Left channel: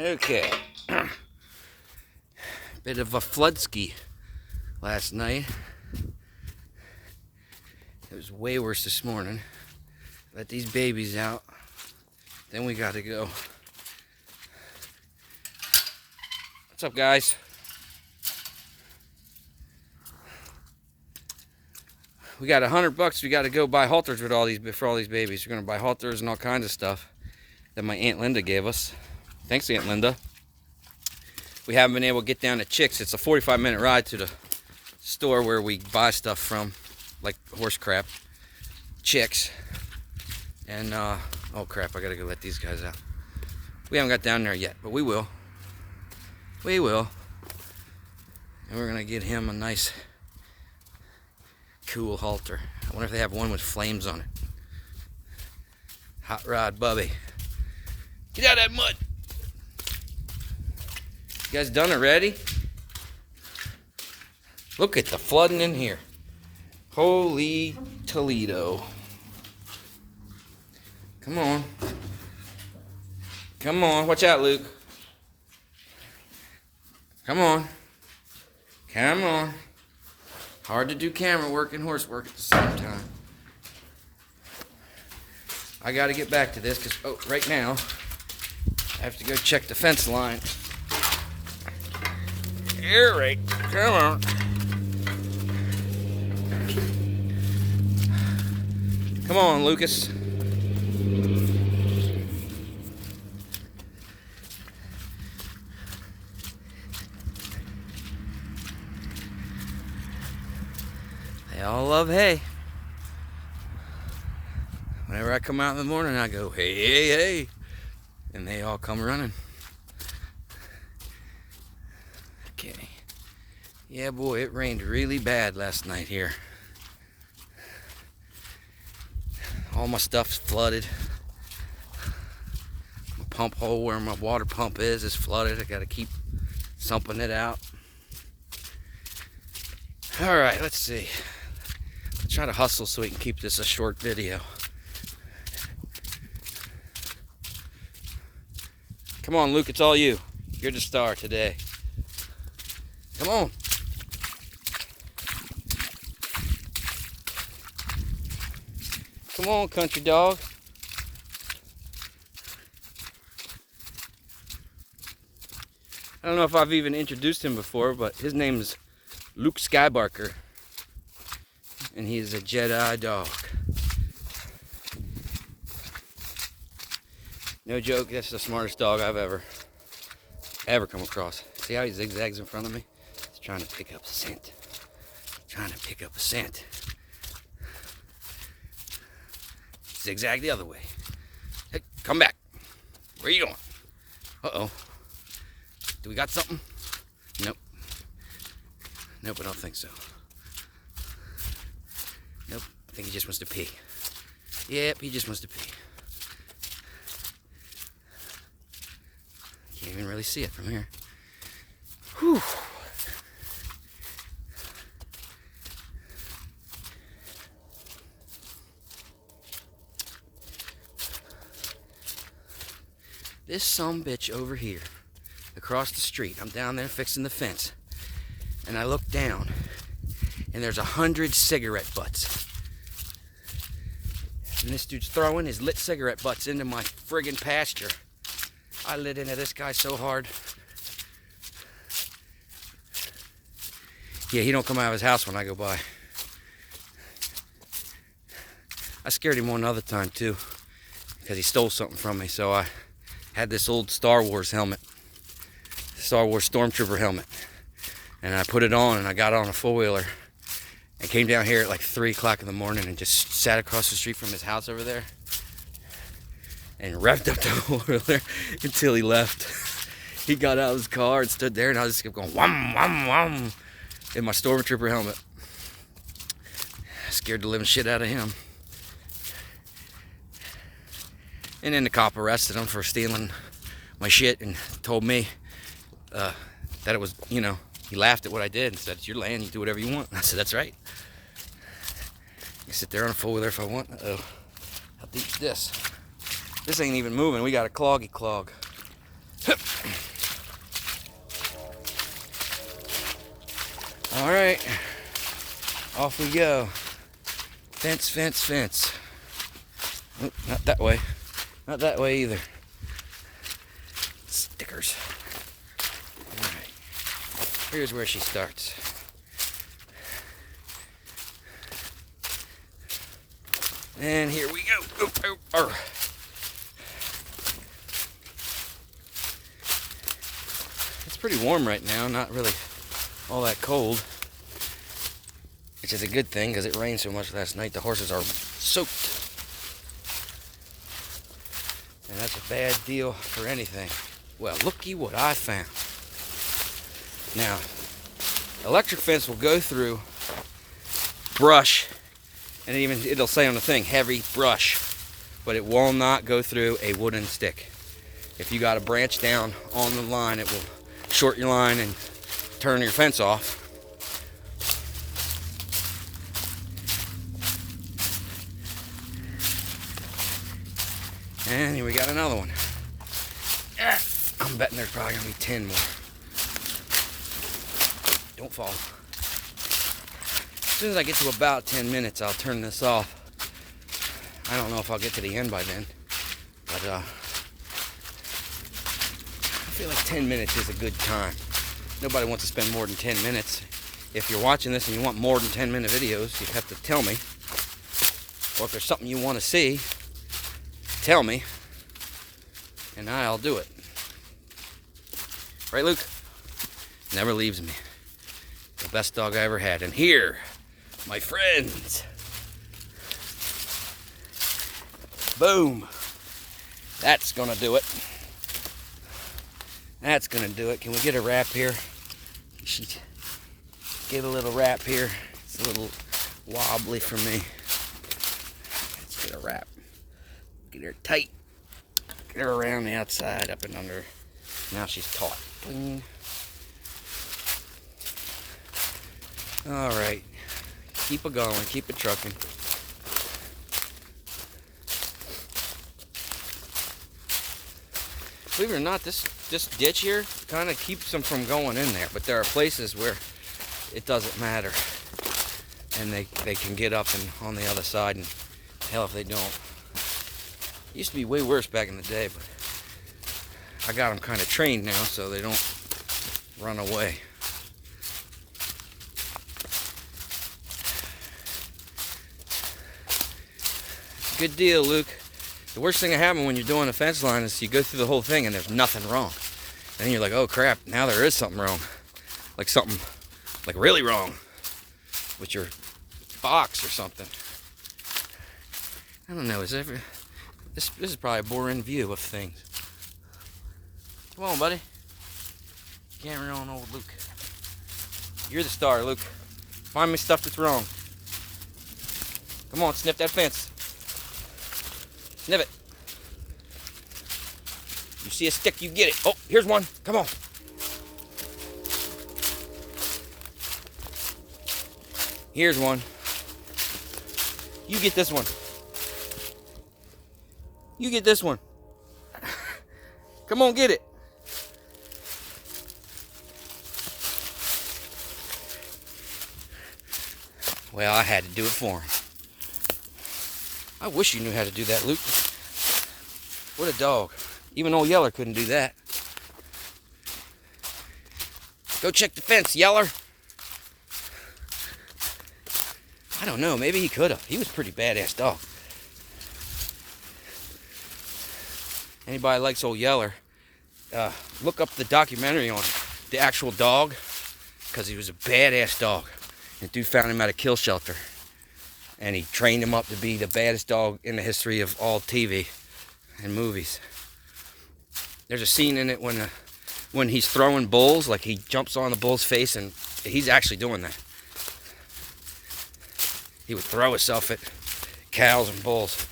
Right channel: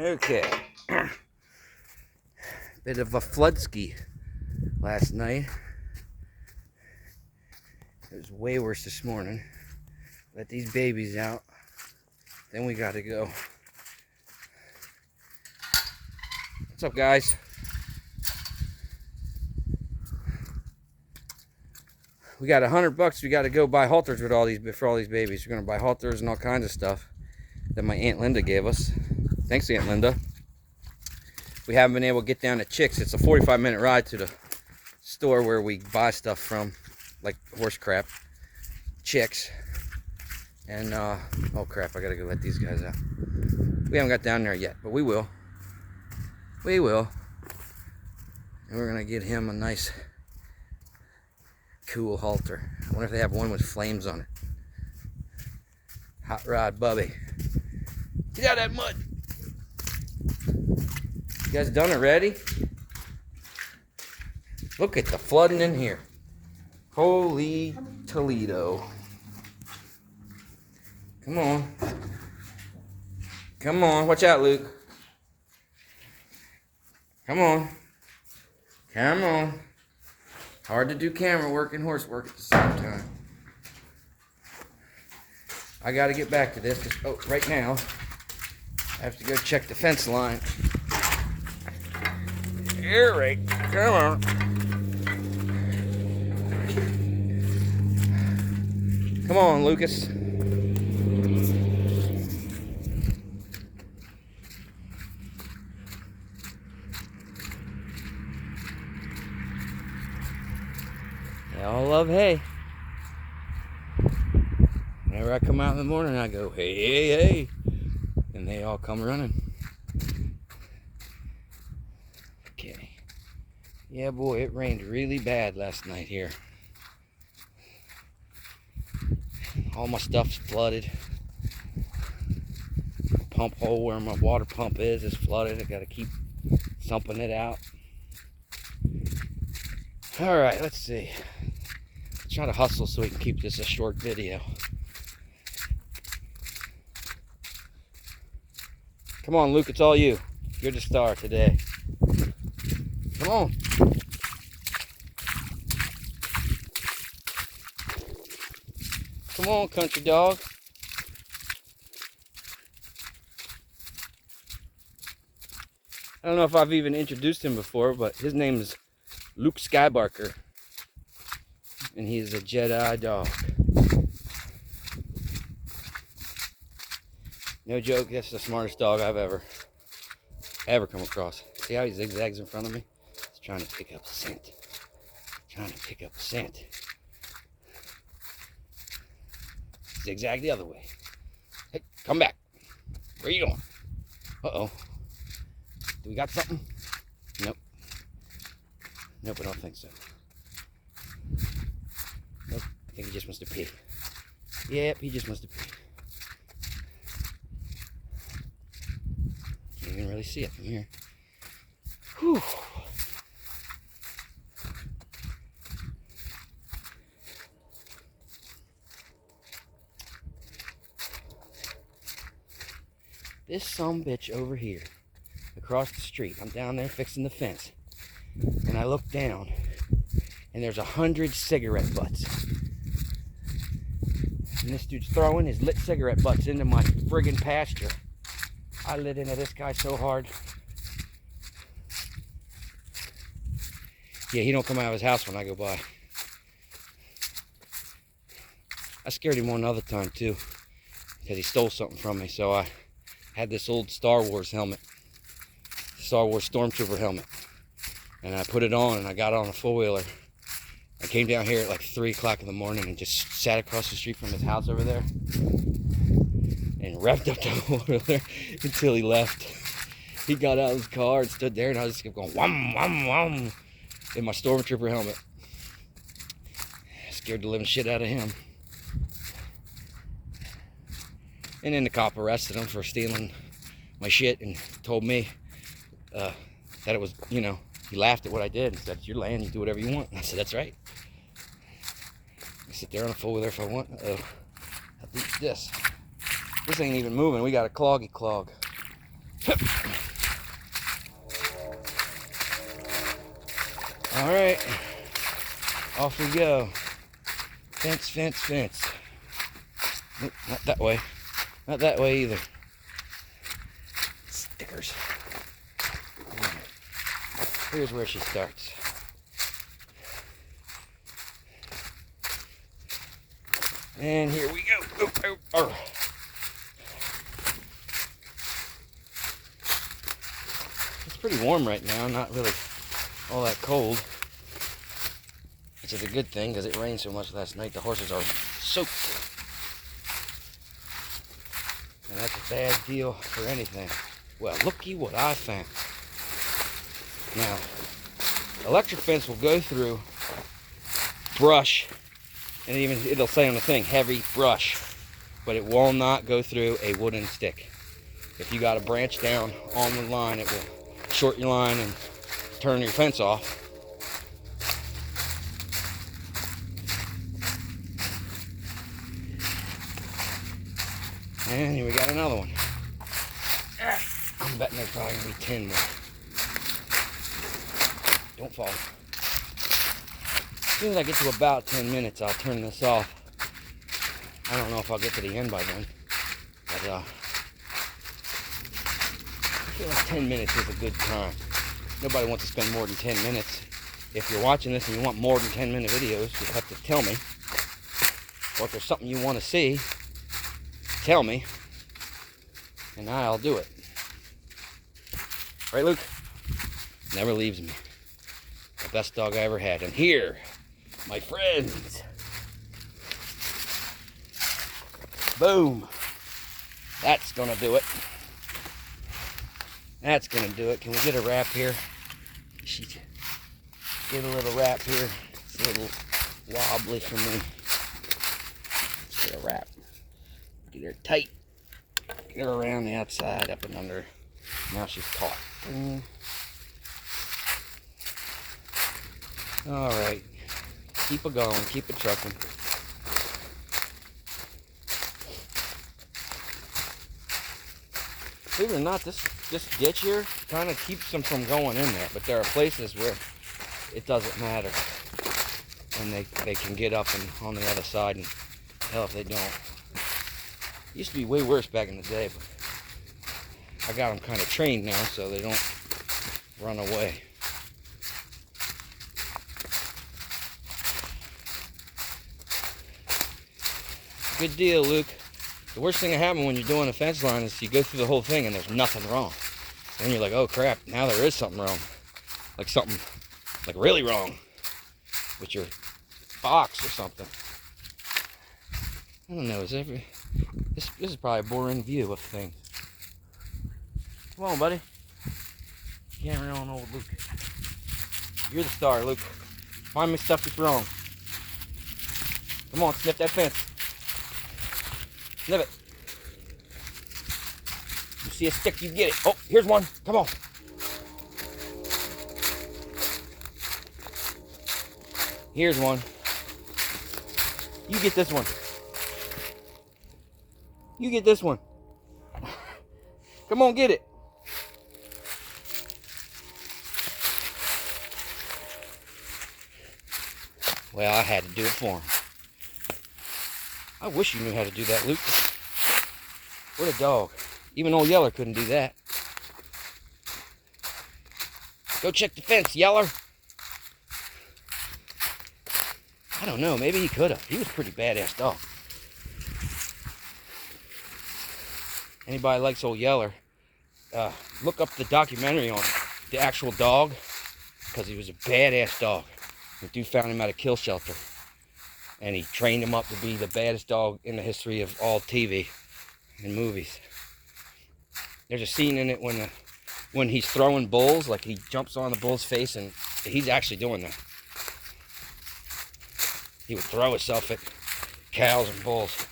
Okay. Bit of a flood ski last night. It was way worse this morning. Let these babies out. Then we gotta go. What's up, guys? We got $100. We got to go buy halters with for all these babies. We're gonna buy halters and all kinds of stuff that my Aunt Linda gave us. Thanks, Aunt Linda. We haven't been able to get down to Chicks. It's a 45-minute ride to the store where we buy stuff from, like horse crap. Chicks. And oh crap, I gotta go let these guys out. We haven't got down there yet, but we will. We will. And we're gonna get him a nice cool halter. I wonder if they have one with flames on it. Hot Rod Bubby. Get out of that mud. You guys done already? Look at the flooding in here. Holy Toledo. Come on. Come on. Watch out, Luke. Come on. Come on. Hard to do camera work and horse work at the same time. I got to get back to this because right now I have to go check the fence line. Here, right. Come on. Come on, Lucas. They all love hay. Whenever I come out in the morning, I go, hey, hey, hey. And they all come running. Okay. Yeah, boy, it rained really bad last night here. All my stuff's flooded. The pump hole where my water pump is flooded. I gotta keep sumping it out. All right, let's see. I'll try to hustle so we can keep this a short video. Come on, Luke, it's all you. You're the star today. Come on. Come on, country dog. I don't know if I've even introduced him before, but his name is Luke Skybarker. And he's a Jedi dog. No joke, that's the smartest dog I've ever come across. See how he zigzags in front of me? He's trying to pick up a scent. Trying to pick up a scent. Zigzag the other way. Hey, come back. Where are you going? Uh-oh. Do we got something? Nope. Nope, I don't think so. Nope, I think he just wants to pee. Yep, he just wants to pee. Can't even really see it from here. Whew. This sumbitch over here, across the street, I'm down there fixing the fence, and I look down, and there's 100 cigarette butts. And this dude's throwing his lit cigarette butts into my friggin' pasture. I lit into this guy so hard. Yeah, he don't come out of his house when I go by. I scared him one other time too, because he stole something from me. So I had this old Star Wars helmet, Star Wars Stormtrooper helmet, and I put it on and I got on a four-wheeler. I came down here at like 3 o'clock in the morning and just sat across the street from his house over there and revved up the four-wheeler until he left. He got out of his car and stood there, and I just kept going wham, wham, wham in my Stormtrooper helmet. Scared the living shit out of him. And then the cop arrested him for stealing my shit and told me that it was, you know, he laughed at what I did and said, it's your land, you do whatever you want. I said, that's right. I sit there on a four-wheeler if I want. Uh-oh. How deep is this? This ain't even moving. We got a cloggy clog. All right, off we go. Fence, fence, fence. Oop, not that way. Not that way either. Stickers. All right. Here's where she starts. And here we go. Oop, oop, oop. It's pretty warm right now, not really all that cold, which is a good thing because it rained so much last night. The horses are soaked, and that's a bad deal for anything. Well, looky what I found. Now, electric fence will go through brush, and it'll say on the thing, heavy brush, but it will not go through a wooden stick. If you got a branch down on the line, it will short your line and turn your fence off. And here we got another one. I'm betting there's probably gonna be 10 more. Don't fall. As soon as I get to about 10 minutes, I'll turn this off. I don't know if I'll get to the end by then, but I feel like 10 minutes is a good time. Nobody wants to spend more than 10 minutes. If you're watching this and you want more than 10-minute videos, you have to tell me. Or if there's something you want to see, tell me, and I'll do it. Right, Luke? Never leaves me. The best dog I ever had. And here, my friends. Boom. That's gonna do it. That's gonna do it. Can we get a wrap here? Get a little wrap here. It's a little wobbly for me. Let's get a wrap. Get her tight. Get her around the outside, up and under. Now she's caught. All right. Keep it going. Keep it trucking. Believe it or not, this ditch here kind of keeps them from going in there. But there are places where it doesn't matter, and they can get up and on the other side, and hell if they don't. It used to be way worse back in the day, but I got them kind of trained now so they don't run away. Good deal, Luke. The worst thing that happens when you're doing a fence line is you go through the whole thing and there's nothing wrong. And then you're like, oh crap, now there is something wrong. Like something, like really wrong with your box or something. I don't know, this is probably a boring view of things. Come on, buddy. Camera on old Luke. You're the star, Luke. Find me stuff that's wrong. Come on, sniff that fence. Sniff it. You see a stick, you get it. Oh, here's one. Come on. Here's one. You get this one. You get this one. Come on, get it. Well, I had to do it for him. I wish you knew how to do that, Luke. What a dog. Even old Yeller couldn't do that. Go check the fence, Yeller. I don't know, maybe he could have. He was a pretty badass dog. Anybody likes old Yeller, look up the documentary on the actual dog, because he was a badass dog. The dude found him at a kill shelter, and he trained him up to be the baddest dog in the history of all TV and movies. There's a scene in it when he's throwing bulls, like he jumps on the bull's face, and he's actually doing that. He would throw himself at cows and bulls.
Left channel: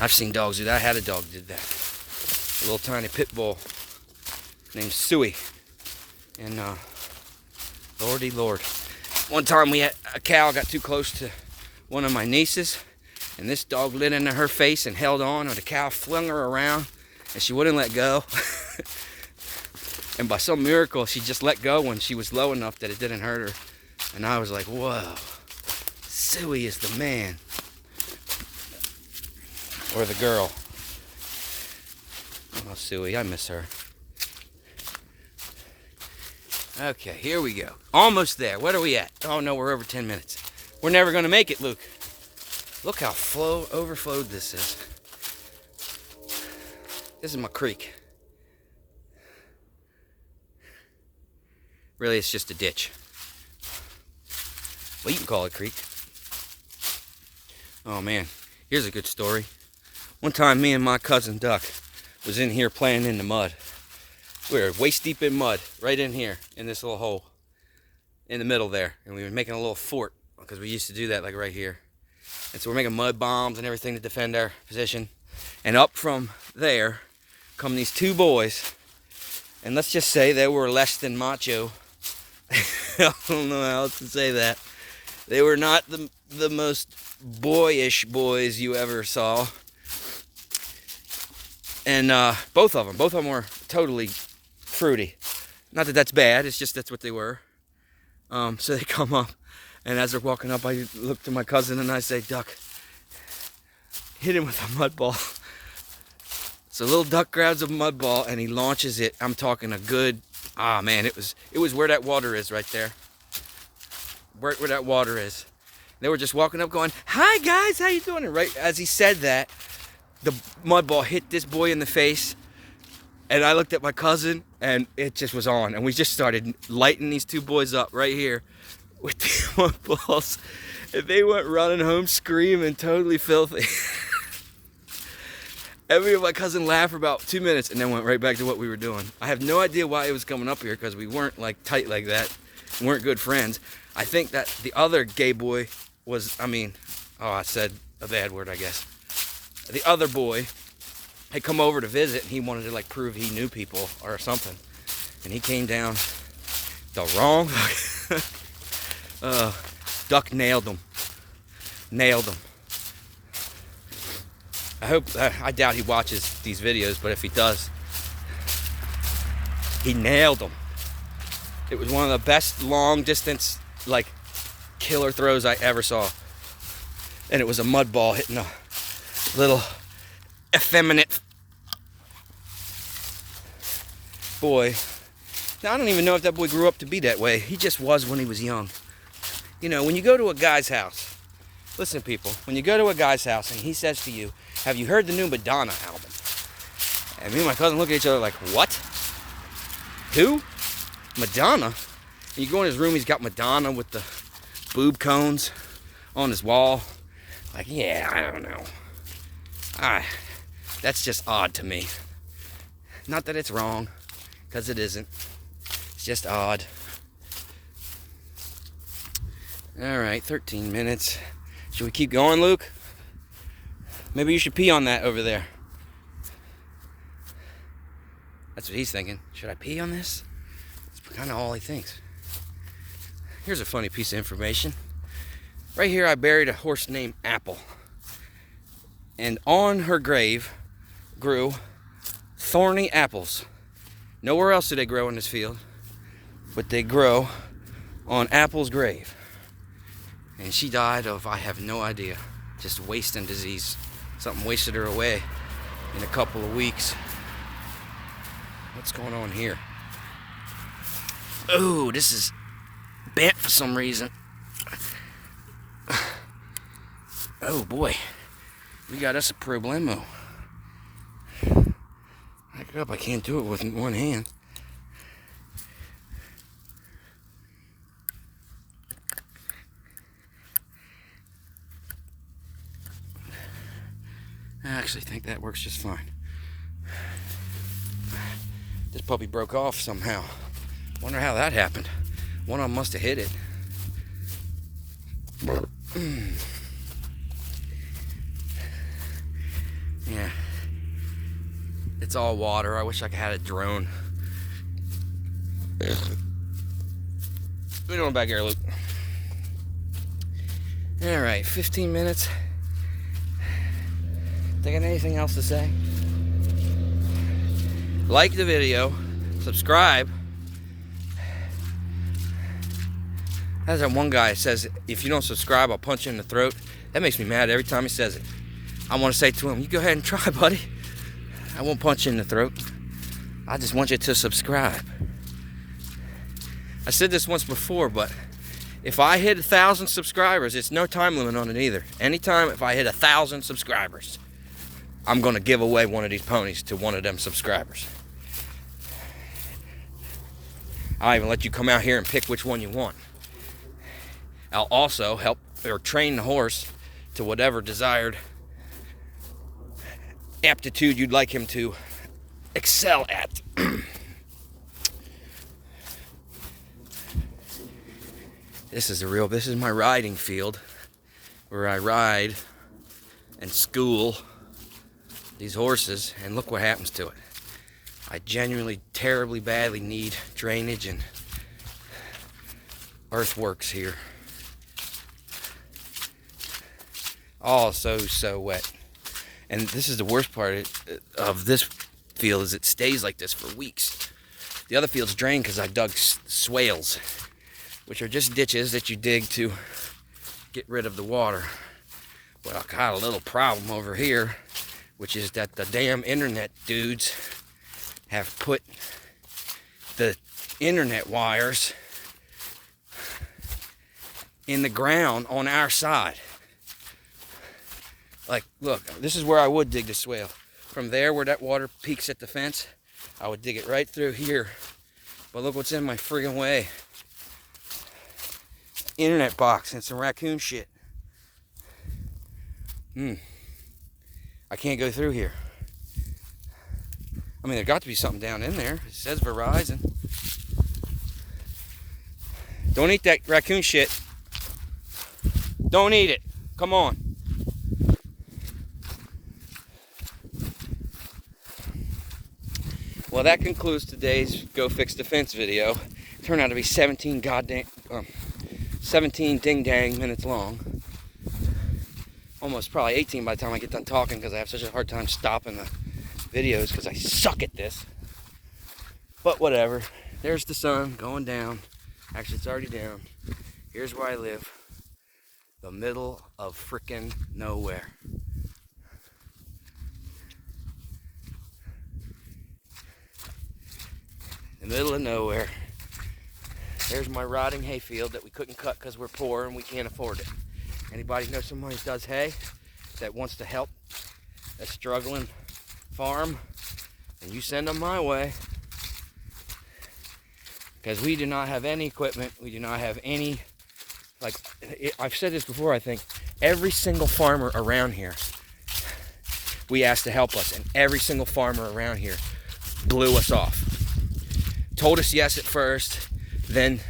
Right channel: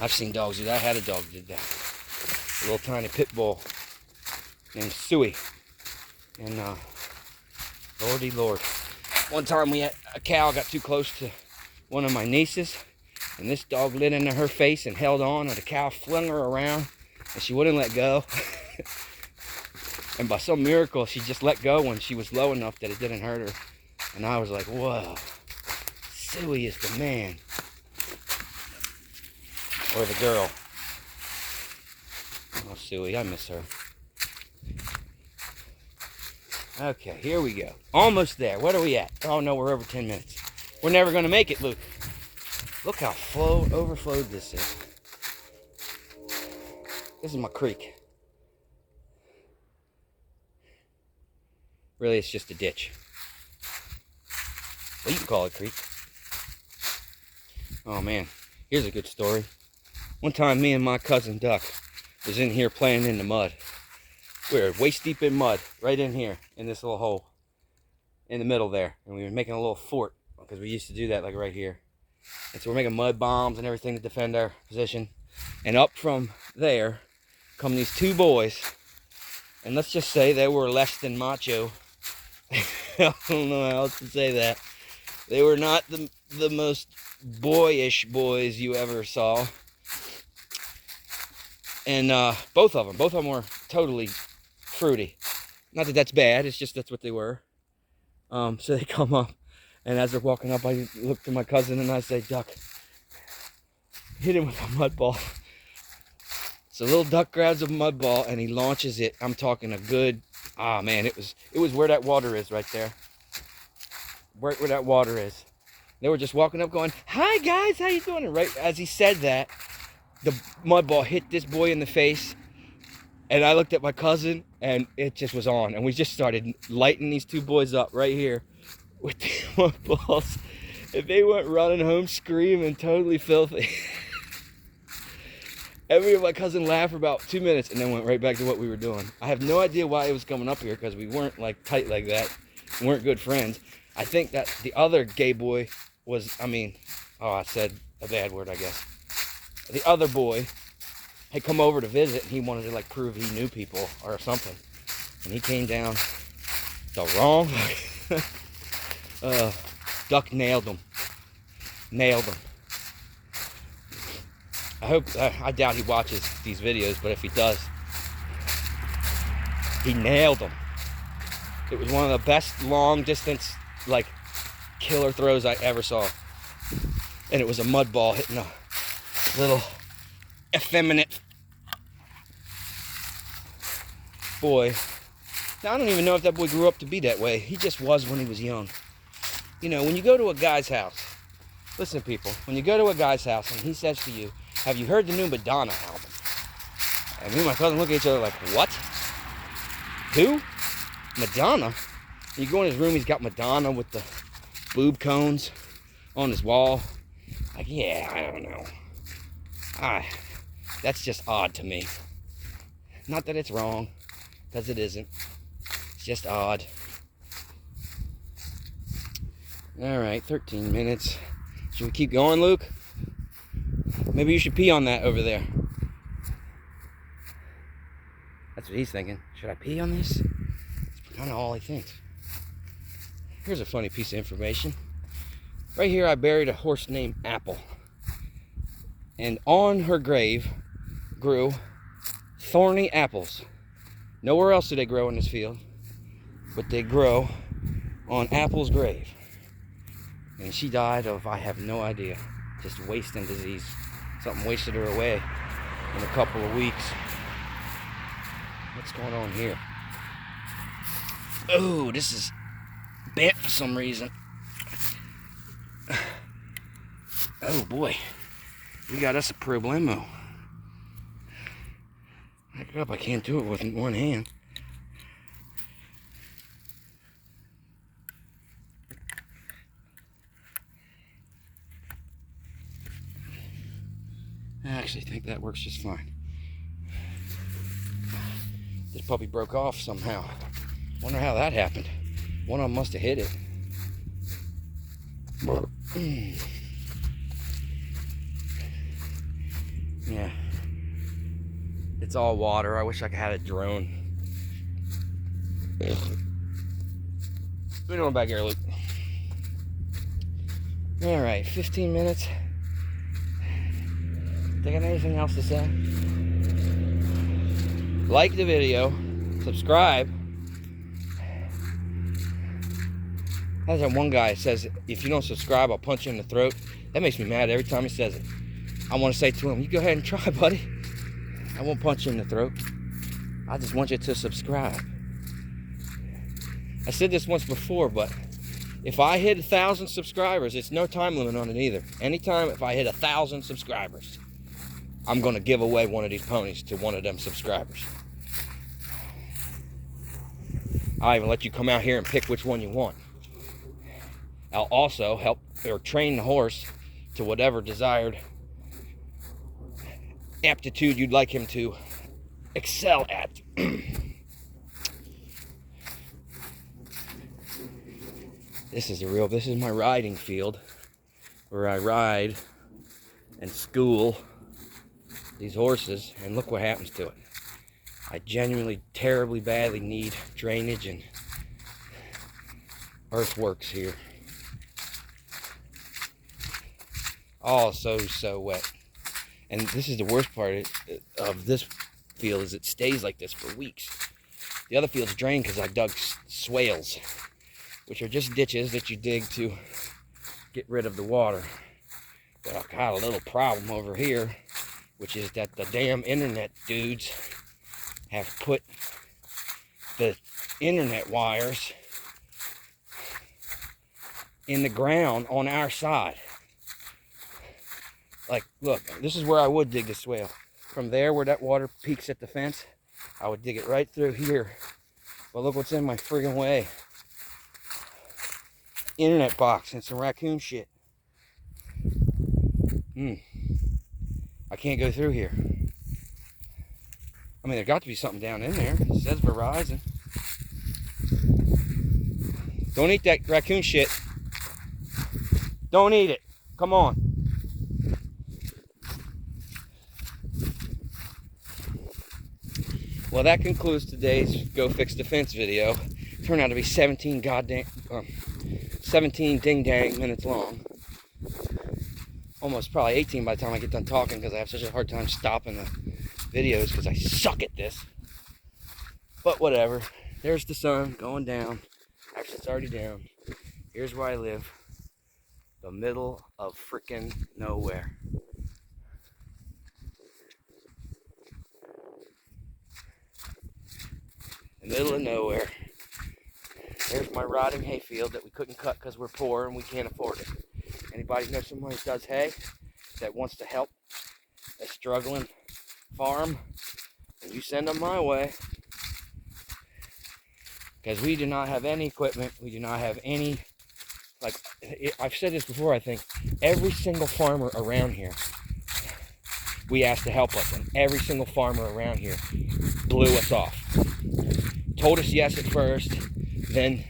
I've seen dogs do that. I had a dog that did that. A little tiny pit bull named Suey. And Lordy Lord. One time we had a cow got too close to one of my nieces, and this dog lit into her face and held on, and the cow flung her around, and she wouldn't let go. And by some miracle, she just let go when she was low enough that it didn't hurt her. And I was like, whoa, Suey is the man. Or the girl. Oh, Suey, I miss her. Okay, here we go. Almost there. What are we at? Oh no, we're over 10 minutes. We're never gonna make it, Luke. Look how overflowed this is. This is my creek. Really, it's just a ditch. Well, you can call it a creek. Oh man, here's a good story. One time, me and my cousin Duck was in here playing in the mud. We were waist deep in mud, right in here, in this little hole, in the middle there. And we were making a little fort, because we used to do that, like right here. And so we're making mud bombs and everything to defend our position. And up from there come these two boys. And let's just say they were less than macho. I don't know how else to say that. They were not the most boyish boys you ever saw. And both of them were totally fruity. Not that that's bad, it's just that's what they were. So they come up, and as they're walking up, I look to my cousin and I say, Duck, hit him with a mud ball. So little Duck grabs a mud ball and he launches it. I'm talking a good, man, it was where that water is right there. Right where that water is. They were just walking up going, hi guys, how you doing? And right as he said that, the mud ball hit this boy in the face. And I looked at my cousin and it just was on. And we just started lighting these two boys up right here with the mud balls. And they went running home screaming, totally filthy. And me and my cousin laughed for about 2 minutes and then went right back to what we were doing. I have no idea why it was coming up here because we weren't like tight like that. We weren't good friends. I think that the other gay boy was, I said a bad word, I guess. The other boy had come over to visit and he wanted to like prove he knew people or something. And he came down the wrong. Duck nailed him. Nailed him. I doubt he watches these videos, but if he does, he nailed him. It was one of the best long distance, like, killer throws I ever saw. And it was a mud ball hitting a little effeminate boy. Now, I don't even know if that boy grew up to be that way. He just was when he was young. You know, when you go to a guy's house, listen, people, when you go to a guy's house and he says to you, have you heard the new Madonna album? And me and my cousin look at each other like, what? Who? Madonna? You go in his room, he's got Madonna with the boob cones on his wall. Like, yeah, I don't know. That's just odd to me. Not that it's wrong, because it isn't. It's just odd. All right, 13 minutes. Should we keep going, Luke? Maybe you should pee on that over there. That's what he's thinking. Should I pee on this? That's kind of all he thinks. Here's a funny piece of information. Right here I buried a horse named Apple. And on her grave grew thorny apples. Nowhere else do they grow in this field, but they grow on Apple's grave. And she died of, I have no idea, just wasting disease. Something wasted her away in a couple of weeks. What's going on here? Oh, this is bent for some reason. Oh boy, we got us a problemo. Back up, I can't do it with one hand. I actually think that works just fine. This puppy broke off somehow. Wonder how that happened. One of them must have hit it. Yeah. It's all water. I wish I had a drone. What are you doing back here, Luke? Alright, 15 minutes. Think of anything else to say? Like the video, subscribe. There's that one guy that says, if you don't subscribe, I'll punch you in the throat. That makes me mad every time he says it. I want to say to him, you go ahead and try, buddy. I won't punch you in the throat. I just want you to subscribe. I said this once before, but if I hit 1,000 subscribers, it's no time limit on it either. Anytime if I hit 1,000 subscribers, I'm going to give away one of these ponies to one of them subscribers. I'll even let you come out here and pick which one you want. I'll also help or train the horse to whatever desired aptitude you'd like him to excel at. This is my riding field where I ride and school these horses, and look what happens to it. I genuinely, terribly, badly need drainage and earthworks here. Oh, so wet. And this is the worst part of this field, is it stays like this for weeks. The other field's drained because I dug swales, which are just ditches that you dig to get rid of the water. But I've got a little problem over here, which is that the damn internet dudes have put the internet wires in the ground on our side. Like, look, this is where I would dig the swale. From there, where that water peaks at the fence, I would dig it right through here. But look what's in my friggin' way. Internet box and some raccoon shit. I can't go through here. I mean, there got to be something down in there. It says Verizon. Don't eat that raccoon shit. Don't eat it. Come on. Well, that concludes today's Go Fix the Fence video. It turned out to be 17 ding-dang minutes long. Almost probably 18 by the time I get done talking, because I have such a hard time stopping the videos because I suck at this. But whatever. There's the sun going down. Actually, it's already down. Here's where I live. The middle of frickin' nowhere. The middle of nowhere. There's my rotting hayfield that we couldn't cut because we're poor and we can't afford it. Anybody know someone who does hay that wants to help a struggling farm, and you send them my way. Because we do not have any equipment. We do not have any, like, I've said this before, I think. Every single farmer around here, we asked to help us, and every single farmer around here blew us off. Told us yes at first, then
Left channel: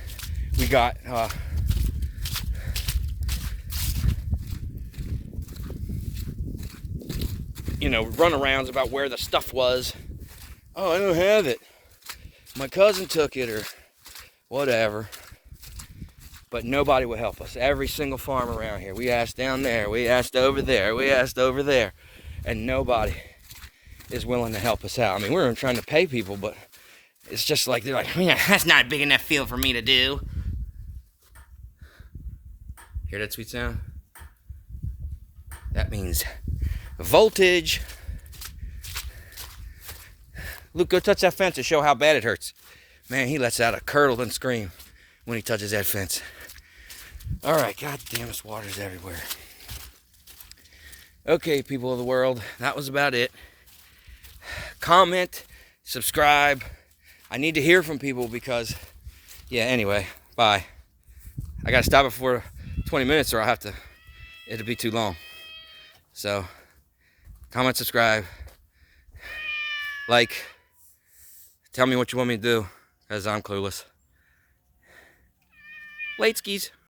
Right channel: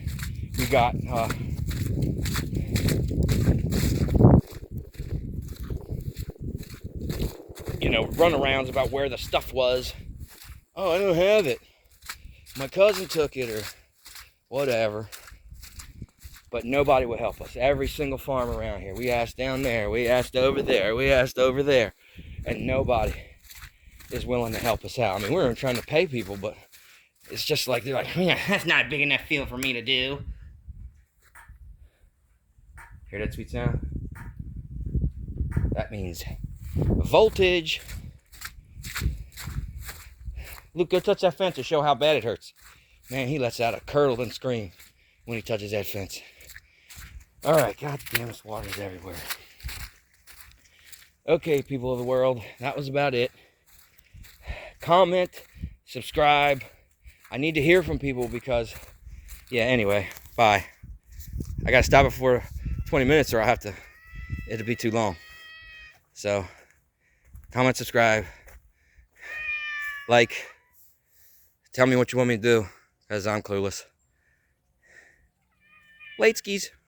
we got runarounds about where the stuff was. Oh, I don't have it. My cousin took it, or whatever. But nobody would help us. Every single farm around here. We asked down there, we asked over there, we asked over there, and nobody is willing to help us out. I mean, we're trying to pay people, but it's just like, they're like, yeah, that's not a big enough field for me to do. Hear that sweet sound? That means voltage. Luke, go touch that fence to show how bad it hurts. Man, he lets out a curdled scream when he touches that fence. All right, god damn, this water's everywhere. Okay, people of the world, that was about it. Comment, subscribe. I need to hear from people because, yeah, anyway, bye. I gotta stop it for 20 minutes or it'll be too long. So, comment, subscribe, like, tell me what you want me to do, because I'm clueless. Late skis.